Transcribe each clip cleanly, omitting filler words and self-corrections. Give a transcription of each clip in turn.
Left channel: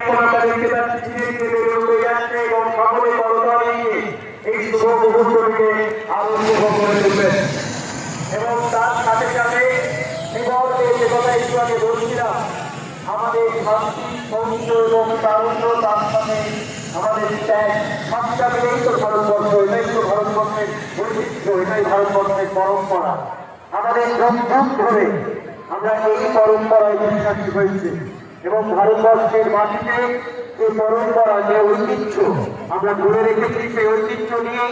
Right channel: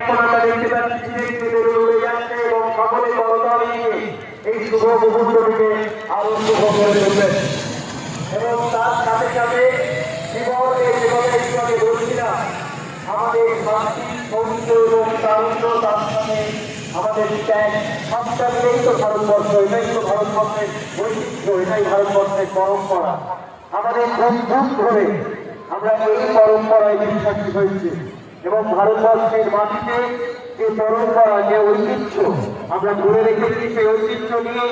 আমরা দেখতে পাচ্ছি এবং সকলে করতালি নিয়ে এই শুভ মুহূর্তকে আনন্দ করে তুলবেন এবং তার সাথে সাথে আমাদের শান্তি সৌন্দর্য এবং তারুণ্য তার সাথে আমাদের ত্যাগ সবটা মিলেই তো ভারতবর্ষ, এটাই তো ভারতবর্ষের ঐতিহ্য, এটাই ভারতবর্ষের পরম্পরা। আমাদের যুগ যুগ ধরে আমরা এই পরম্পরায় বিশ্বাসী হয়েছি এবং ভারতবর্ষের মাটিতে এই পরম্পরা যে ঐতিহ্য আমরা ধরে রেখেছি, সেই ঐতিহ্য নিয়ে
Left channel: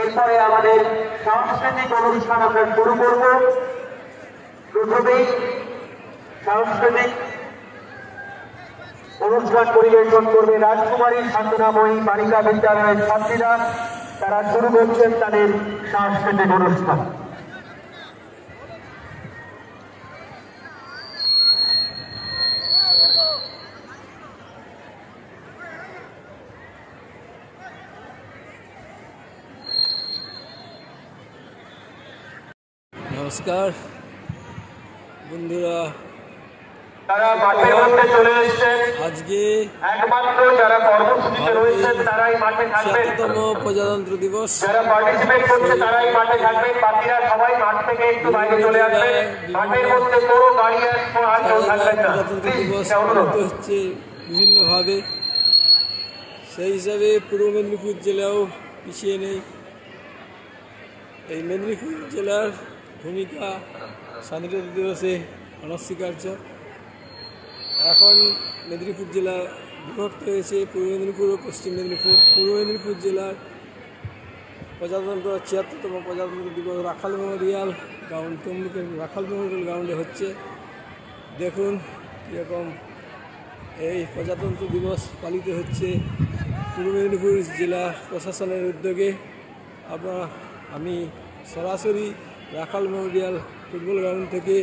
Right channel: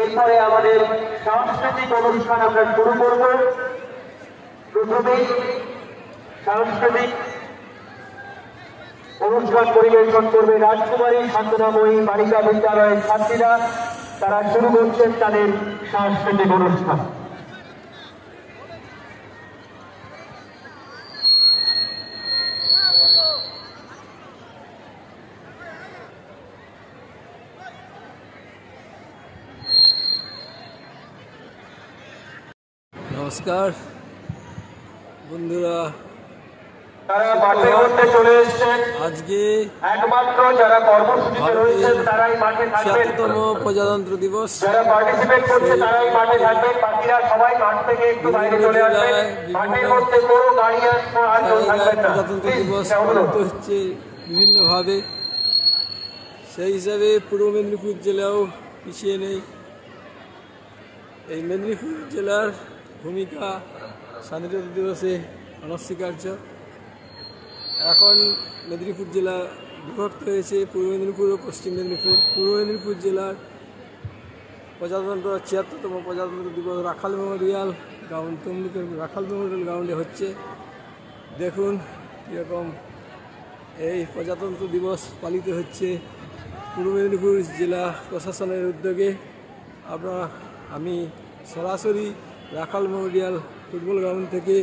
এরপরে আমাদের সাংস্কৃতিক অনুষ্ঠান আমরা শুরু করব। প্রথমেই সাংস্কৃতিক অনুষ্ঠান পরিবেশন করবে রাজকুমারী শান্তনাময়ী বালিকা বিদ্যালয়ের ছাত্রীরা। তারা শুরু করছেন তাদের সাংস্কৃতিক অনুষ্ঠান। নমস্কার বন্ধুরা, তারা মাঠের মধ্যে চলে এসেছেন। আজকে একমাত্র যারা কর্মসূচিতে রয়েছেন তারাই মাঠে থাকবেন। ৭তম প্রজাতন্ত্র দিবস, যারা পার্টিসিপেট করছে তারাই মাঠে থাকবেন, বাকিরা সবাই মাঠ থেকে একটু বাইরে চলে আসবেন। মাঠের মধ্যে কোনো গাড়ি আর প্রজাতন্ত্র দিবস পালিত হচ্ছে বিভিন্নভাবে। সেই হিসাবে পূর্ব মেদিনীপুর জেলাও পিছিয়ে নেই। এই মেদিনীপুর জেলার ভূমিকা স্বাধীনতা দিবসে অনস্বীকার্য। এখন মেদিনীপুর জেলা বিভক্ত হয়েছে পূর্ব মেদিনীপুর ও পশ্চিম মেদিনীপুর। পূর্ব মেদিনীপুর জেলার প্রজাতন্ত্র ৭৬তম প্রজাতন্ত্র দিবস রাখাল মেমোরিয়াল গ্রাউন্ড, তমলুকের রাখাল মেমোরিয়াল গ্রাউন্ডে হচ্ছে। দেখুন কীরকম এই প্রজাতন্ত্র দিবস পালিত হচ্ছে পূর্ব মেদিনীপুর জেলা প্রশাসনের উদ্যোগে। আমি সরাসরি রাখাল মেমোরিয়াল ফুটবল গ্রাউন্ড থেকে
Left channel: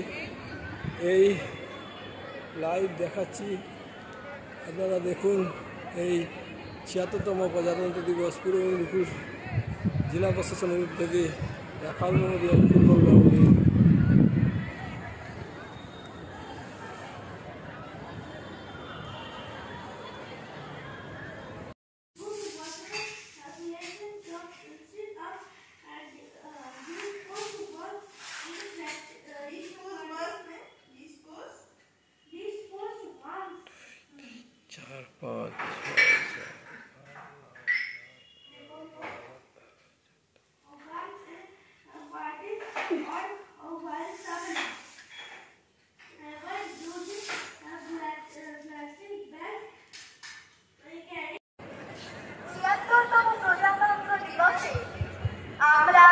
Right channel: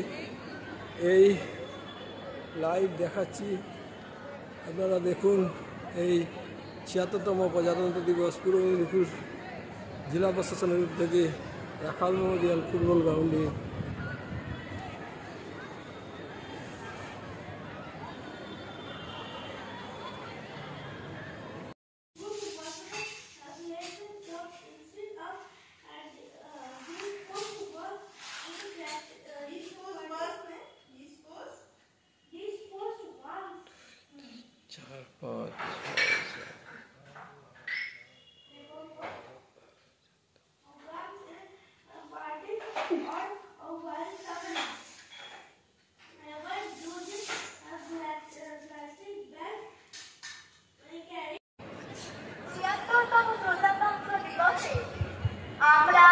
এই লাইভ দেখাচ্ছি। আপনারা দেখুন এই ৭৬তম প্রজাতন্ত্র দিবস পূর্ব মেদিনীপুর জেলা প্রশাসনের উদ্যোগে রাখাল মেমোরিয়াল ফুটবল গ্রাউন্ডে। আমরা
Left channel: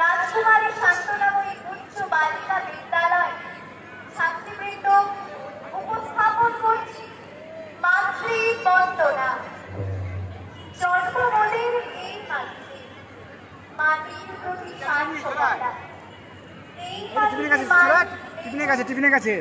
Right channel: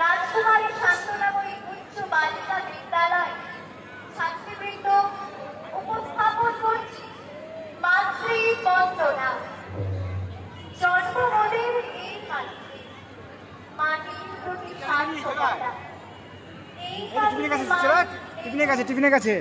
রাজকুমারী শান্তনাময়ী উচ্চ বালিকা বিদ্যালয় ছাত্রীবৃন্দ উপস্থাপন করছি মাতৃবন্দনা। জন্মভূমির এই মাটিতে মাটির প্রতি সার্থকতা, এই টিফিনের কাছে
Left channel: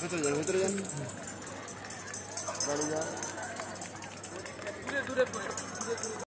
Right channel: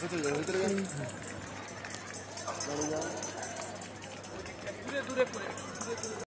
দূরে দূরে